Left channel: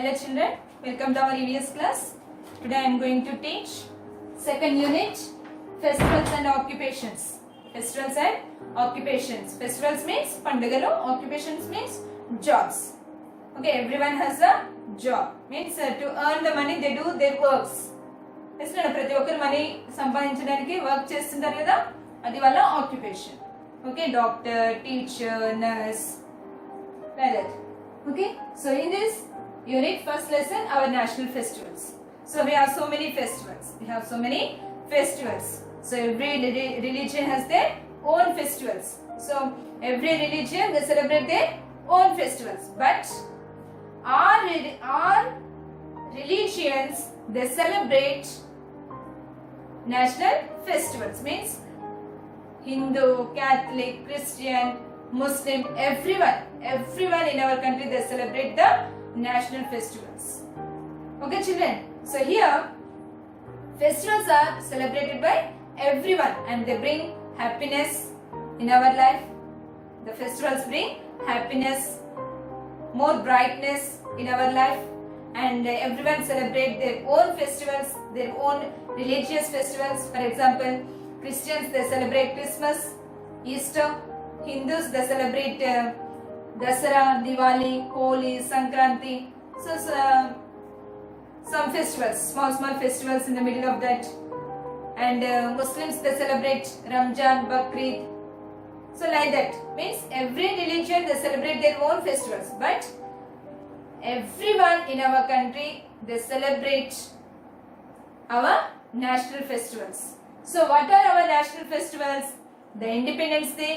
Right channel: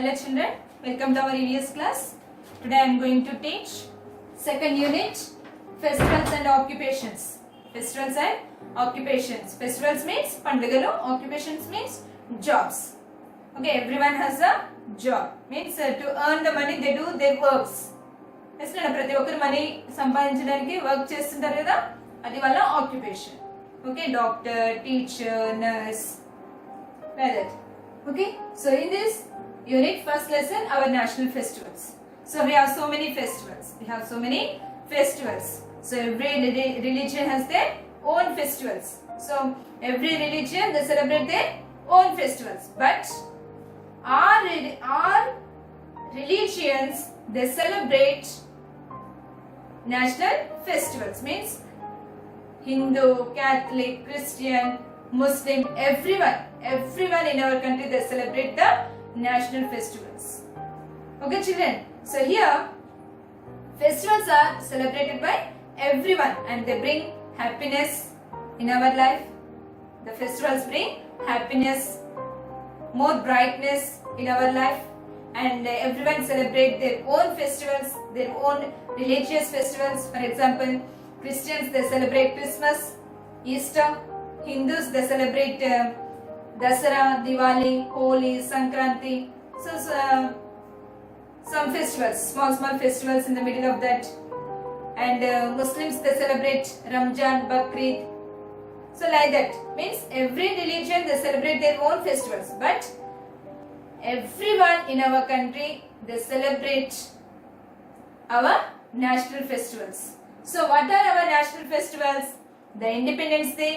Hello children, welcome to our EVS class. Today I am going to teach second unit, festivals and occupations. Festivals and occupations. Festivals means pandagalu, occupations means jobs. Okay, everyone has a job. Means to earn the money they do their works. ప్రతి ఒక్కరు money సంపాదించడానికి work చేస్తుంటారు కదా, అది వాళ్ళ occupation. Okay, doctor, teacher, nurse, like that. Okay, so in this unit, first lesson, our national festivals. So we have so many festivals. So every religion has their own festivals. So every religion they celebrate their own festivals. But our religions they celebrate national festivals. Means Hindu, Catholic, Christian, Muslim, everyone in our country they celebrate the national festivals. Okay children, so here festivals are celebrated by everyone and they bring happiness in our life. The festivals bring happiness, more brightness in our life, and everyone celebrate their own festivals, their own religious festivals. For example, Christians they celebrate Christmas, Easter. Hindus they celebrate Dasara, Diwali, Holi, Sankranti. So some festivals, small festivals in the middle of that. And Muslims they celebrate Ramzan, Bakrid. So like that. Means every religion they celebrate their own festivals. But everyone in our country they celebrate our national festivals. So what are our national festivals? The Independence Day,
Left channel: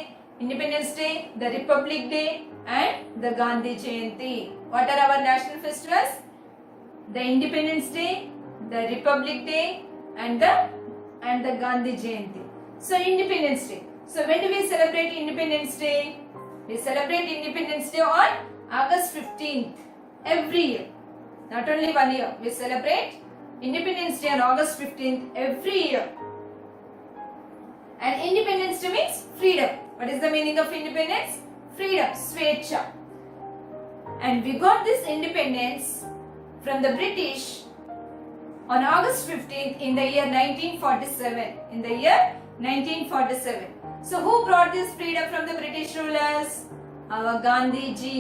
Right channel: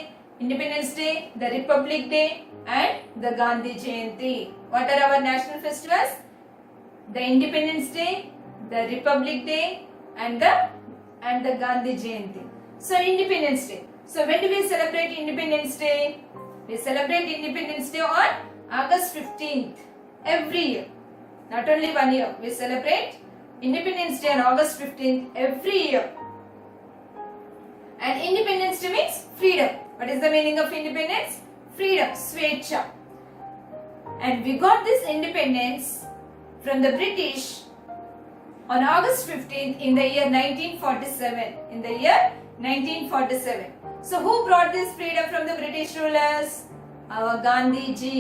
the Republic Day, and the Gandhi Jayanti. What are our national festivals? The Independence Day, the Republic Day, and the Gandhi Jayanti. So Independence Day. So when do we celebrate Independence Day? We celebrate Independence Day on August 15th every year. Not only 1 year. We celebrate Independence Day on August 15th every year. And Independence Day means freedom. What is the meaning of independence? Freedom, Swecha. And we got this independence from the British on August 15th in the year 1947. So who brought this freedom from the British rulers? Our Gandhi Ji,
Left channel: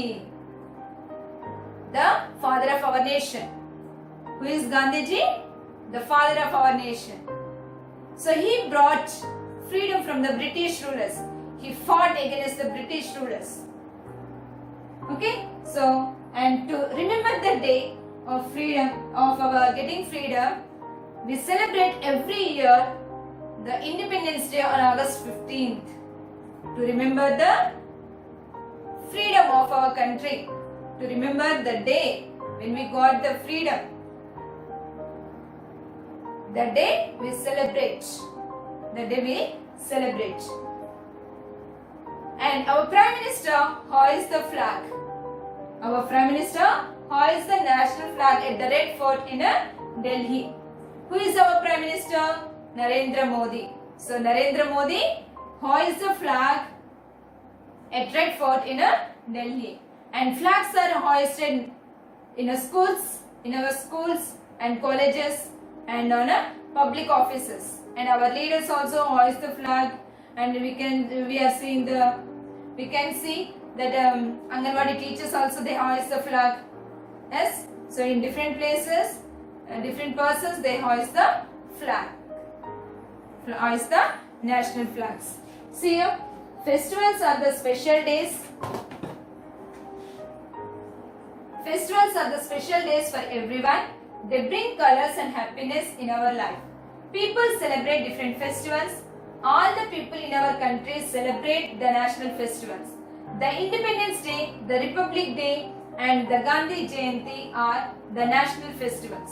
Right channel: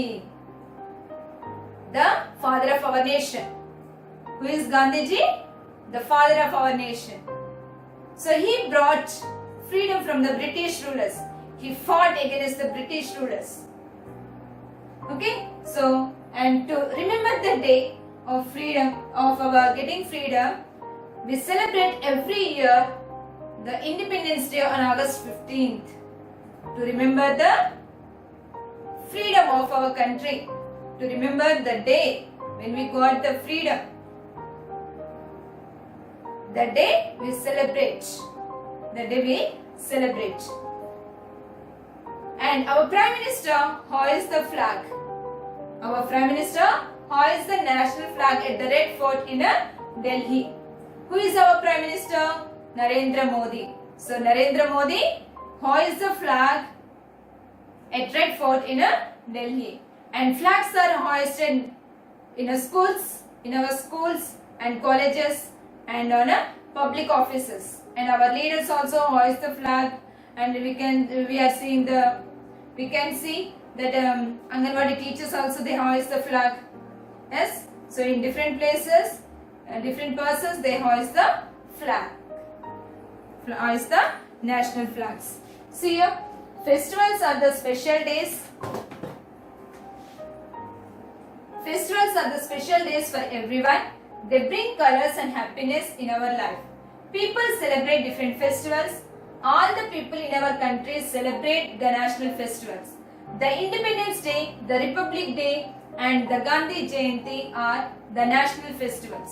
the father of our nation. Who is Gandhi Ji? The father of our nation. So he brought freedom from the British rulers. He fought against the British rulers. Okay, so and to remember the day of freedom, of our getting freedom, we celebrate every year the Independence Day on August 15th to remember the freedom of our country, to remember the day when we got the freedom. The day we celebrate. And our Prime Minister hoists the flag. Our Prime Minister hoists the national flag at the Red Fort in Delhi. Who is our Prime Minister? Narendra Modi. So Narendra Modi hoists the flag at Red Fort in Delhi. And flags are hoisted in our schools and colleges and on public offices. And our leaders also hoist the flag. And we can see that Anganwadi teachers also they hoist the flag. Yes. So in different places, different persons they hoist the flag. Hoist the national flags. See here, festivals are the special days. Festivals are the special days for everyone. They bring colors and happiness in our life. People celebrate different festivals. All the people in our country celebrate the national festivals. The Independence Day, the Republic Day, and the Gandhi Jayanti are the national festivals.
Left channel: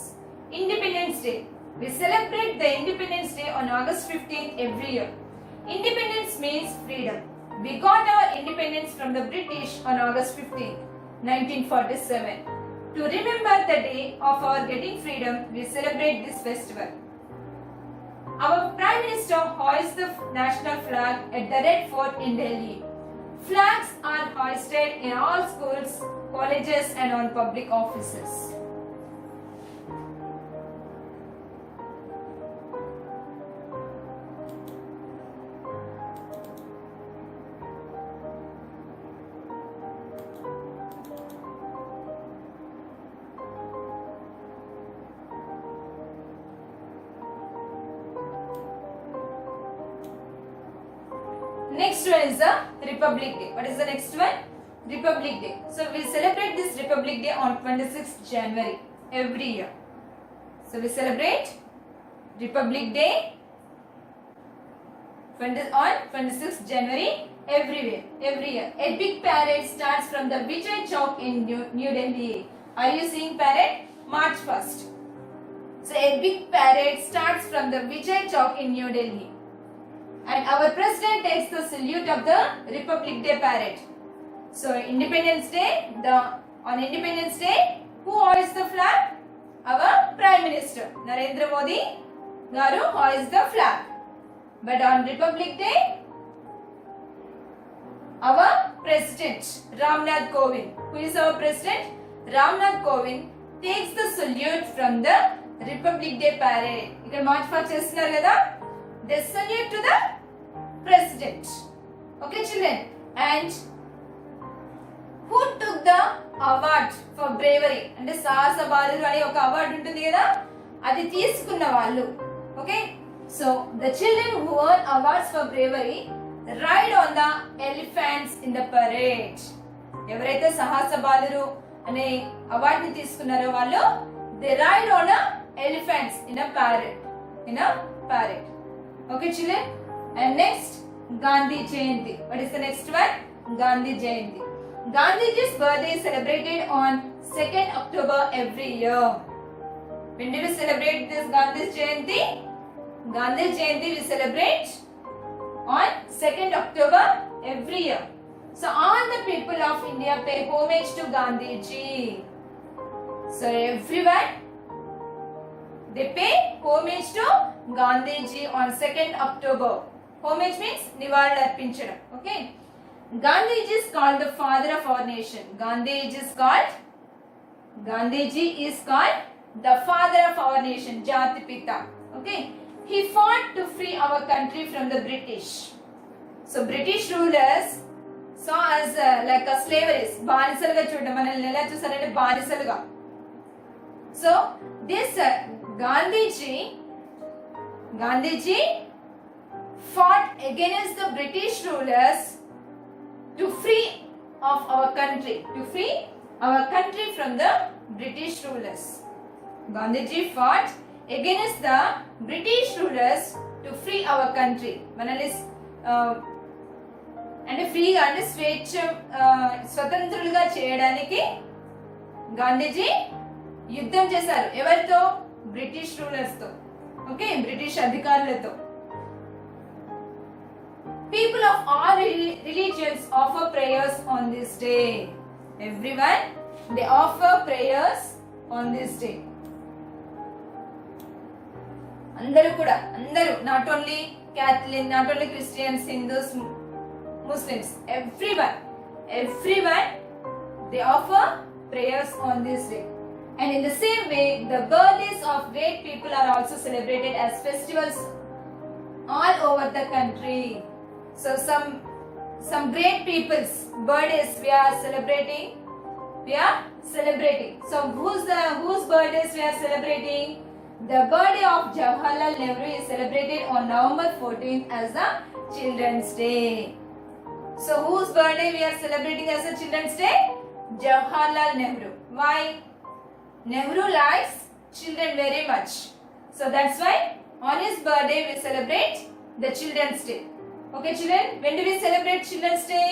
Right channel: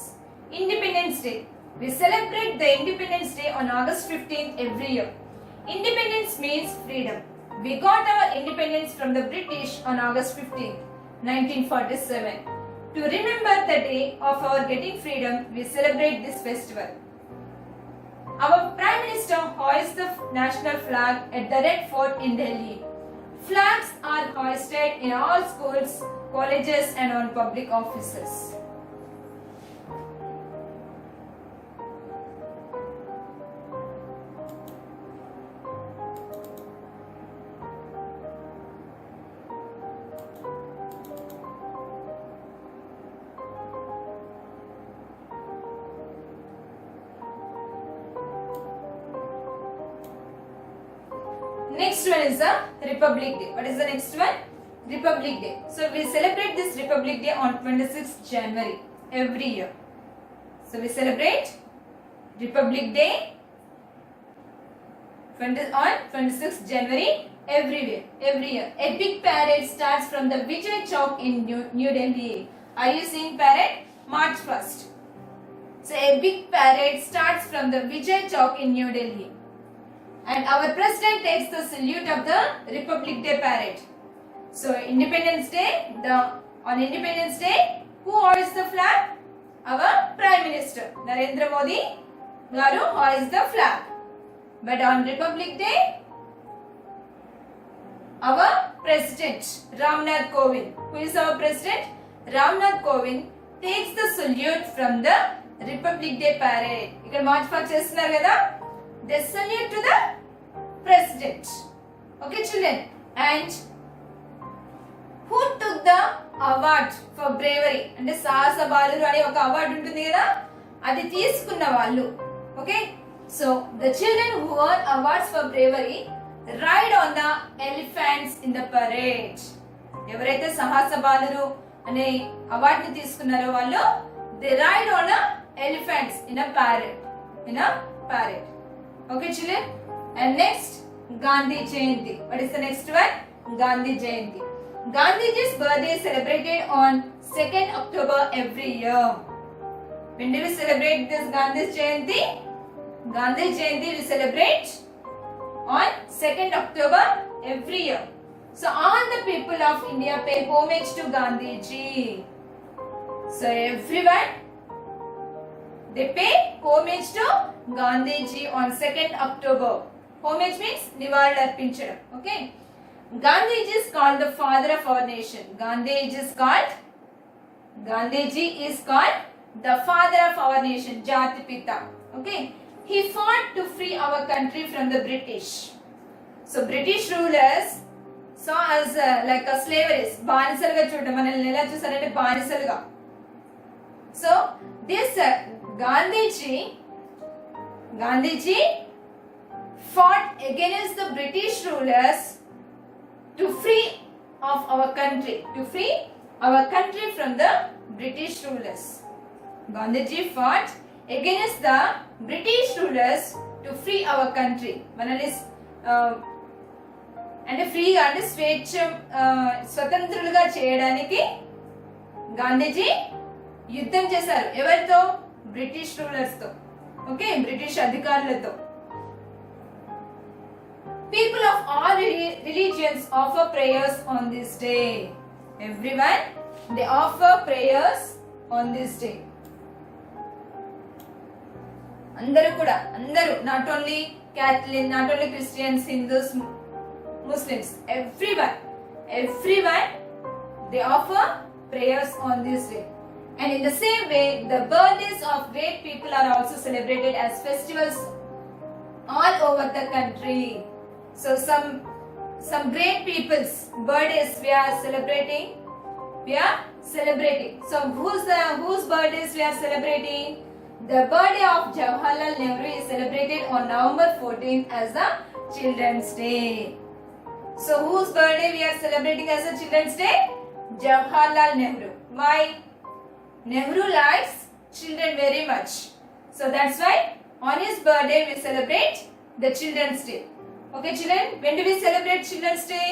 Independence Day. We celebrate the Independence Day on August 15th every year. Independence means freedom. We got our independence from the British on August 15th, 1947. To remember the day of our getting freedom, we celebrate this festival. Our Prime Minister hoists the national flag at the Red Fort in Delhi. Flags are hoisted in all schools, colleges and on public offices. Next one is the Republic Day. What is the next one? Republic Day. So we celebrate this Republic Day on 26th January every year. So we celebrate Republic Day on 26th January every year. A big parade starts from the Vijay Chowk in New Delhi. Are you seeing parade? March 1st. So a big parade starts from the Vijay Chowk in New Delhi. And our president takes the salute of the Republic Day parade. So Independence Day, on Independence Day, who hoists the flag? Our Prime Minister Narendra Modi garu hoists the flag. But on Republic Day, our President Ramnath Kovind, who is our President? Ramnath Kovind takes the salute from the Republic Day parade. Ikkada march past chestunaru kada? They salute to the President. Okay children. And who took the award for bravery? అంటే సాహస బాలురు అనే ఒక award ఉంటుంది కదా, అది తీసుకున్న వాళ్ళు. Okay, so the children who earn awards for bravery ride on the elephants in the parade. ఎవరైతే సాహస బాలురు అనే అవార్డుని తీసుకున్నారో వాళ్ళు they ride on a elephants in a parade. Okay children. And next, Gandhi Jayanti. What is the next one? Gandhi Jayanti. Gandhiji's birthday is celebrated on 2nd October every year. When do we celebrate this Gandhi Jayanti? Gandhi Jayanti we celebrate on 2nd October every year. So all the people of India pay homage to Gandhiji. So everyone, they pay homage to Gandhiji on 2nd October. Homage means nivaళులర్పించడం. Okay. Gandhiji is called the father of our nation. Gandhiji is called the father of our nation. Jati Pita. Okay. He fought to free our country from the British. So British rulers saw us like a slaveries. బానిసలుగా చూడడం, మనల్ని ఎలా చూసారంటే బానిసలుగా. So this Gandhiji fought against the British rulers to free our country from the British rulers. Gandhiji fought against the British rulers to free our country. Manali అంటే ఫ్రీగా అంటే స్వతంత్రులుగా చేయడానికి గాంధీజీ యుద్ధం చేశారు. ఎవరితో? బ్రిటిష్ రూలర్స్ తో. ఓకే, బ్రిటిష్ అధికారులతో. People of all religions offer prayers on this day. Everyone, they offer prayers on this day. అందరూ not only Catholic, not only Christians, Hindus, Muslims, everyone they offer prayers on this day. And in the same way, the birthdays of great people are also celebrated as festivals all over the country. So some great people's birthdays we are celebrating. So whose birthdays we are celebrating? The birthday of Jawaharlal Nehru is celebrated on November 14th as the Children's Day. So whose birthday we are celebrating as a Children's Day? Jawaharlal Nehru. Why? Nehru likes children very much. So that's why on his birthday we celebrate the Children's Day. Okay children, when do we celebrate Children's Day?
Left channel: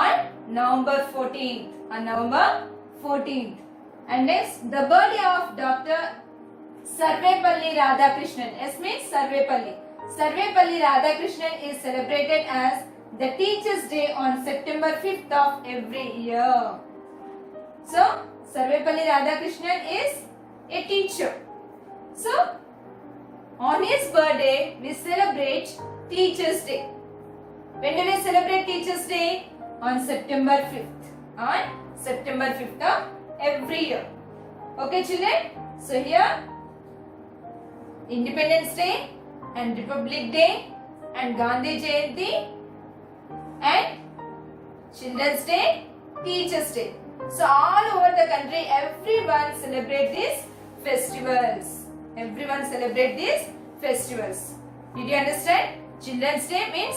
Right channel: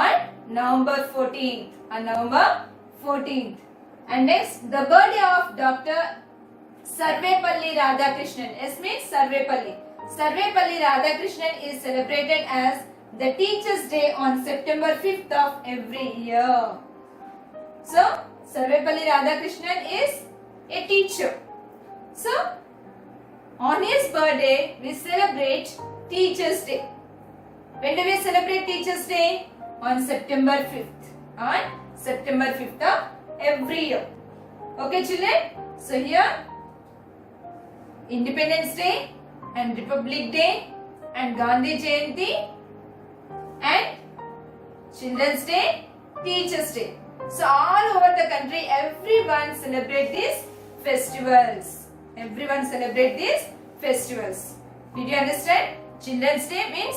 On November 14th. And next, the birthday of Dr. Sarvepalli Radhakrishnan. S means Sarvepalli. Sarvepalli Radhakrishnan is celebrated as the Teachers' Day on September 5th of every year. So, Sarvepalli Radhakrishnan is a teacher. So, on his birthday, we celebrate Teachers' Day. When do we celebrate Teachers' Day? On September 5th. On September 5th of every year. Okay, children? So here, Independence Day and Republic Day and Gandhi Jayanti and Children's Day, Teachers' Day. So all over the country, everyone celebrate these festivals. Everyone celebrate these festivals. Did you understand? Children's Day means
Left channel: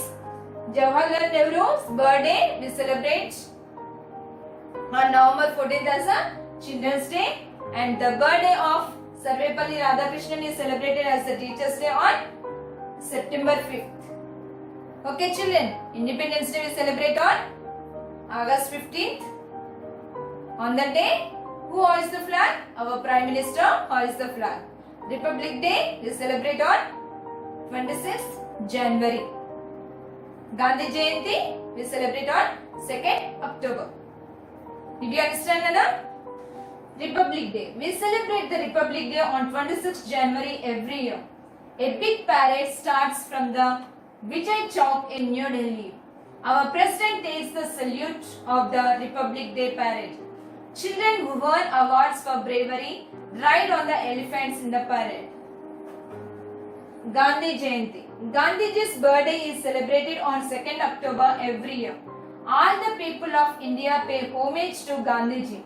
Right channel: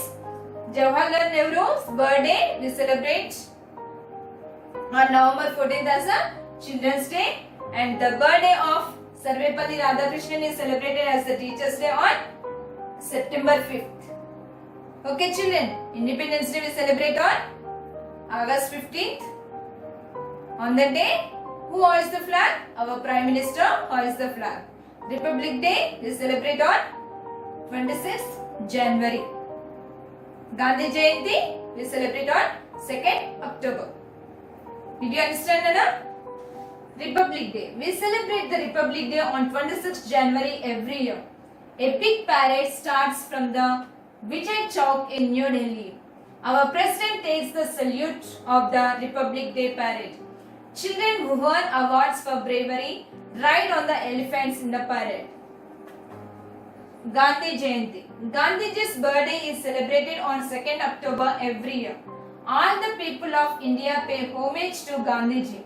Jawaharlal Nehru's birthday. We celebrate on November 14th as a Children's Day, and the birthday of Sarvepalli Radhakrishnan is celebrated as the Teachers' Day on September 5th. Okay, children. Independence Day we celebrate on August 15th. On that day, who hoists the flag? Our Prime Minister hoists the flag. Republic Day we celebrate on 26th January. Gandhi Jayanti we celebrate on 2nd October. Did you understand, Nana? Republic Day. We celebrate the Republic Day on 26th January every year. A big parade starts from the Vijay Chowk in New Delhi. Our president takes the salute of the Republic Day parade. Children who won awards for bravery ride on the elephants in the parade. Gandhi Jayanti. Gandhiji's birthday is celebrated on 2nd October every year. All the people of India pay homage to Gandhiji.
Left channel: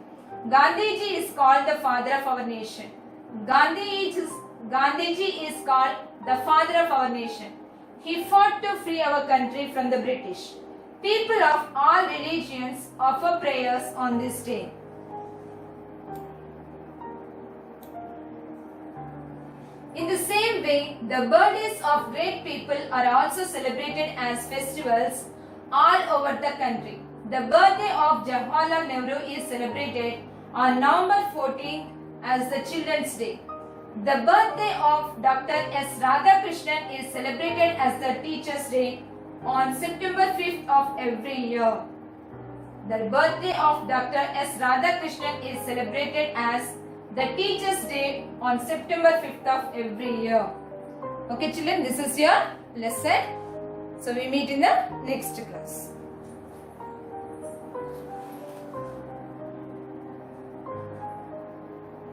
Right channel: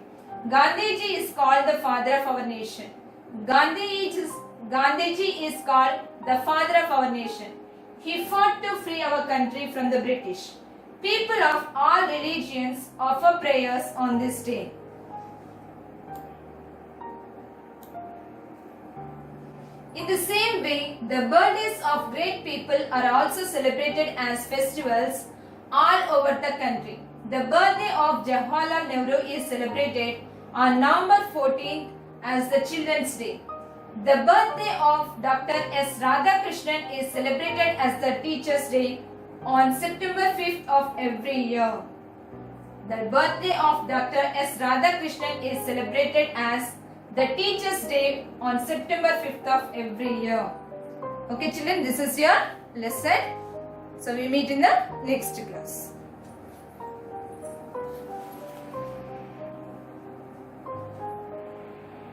Gandhiji is called the father of our nation. Gandhiji is called the father of our nation. He fought to free our country from the British. People of all religions offer prayers on this day. In the same way, the birthdays of great people are also celebrated as festivals all over the country. The birthday of Jawaharlal Nehru is celebrated on November 14th as the Children's Day. The birthday of Dr. S. Radhakrishnan is celebrated as the Teachers' Day on September 5th of every year. The birthday of Dr. S. Radhakrishnan is celebrated as the Teachers' Day on September 5th of every year. Okay, children, this is your lesson. So we meet in the next class.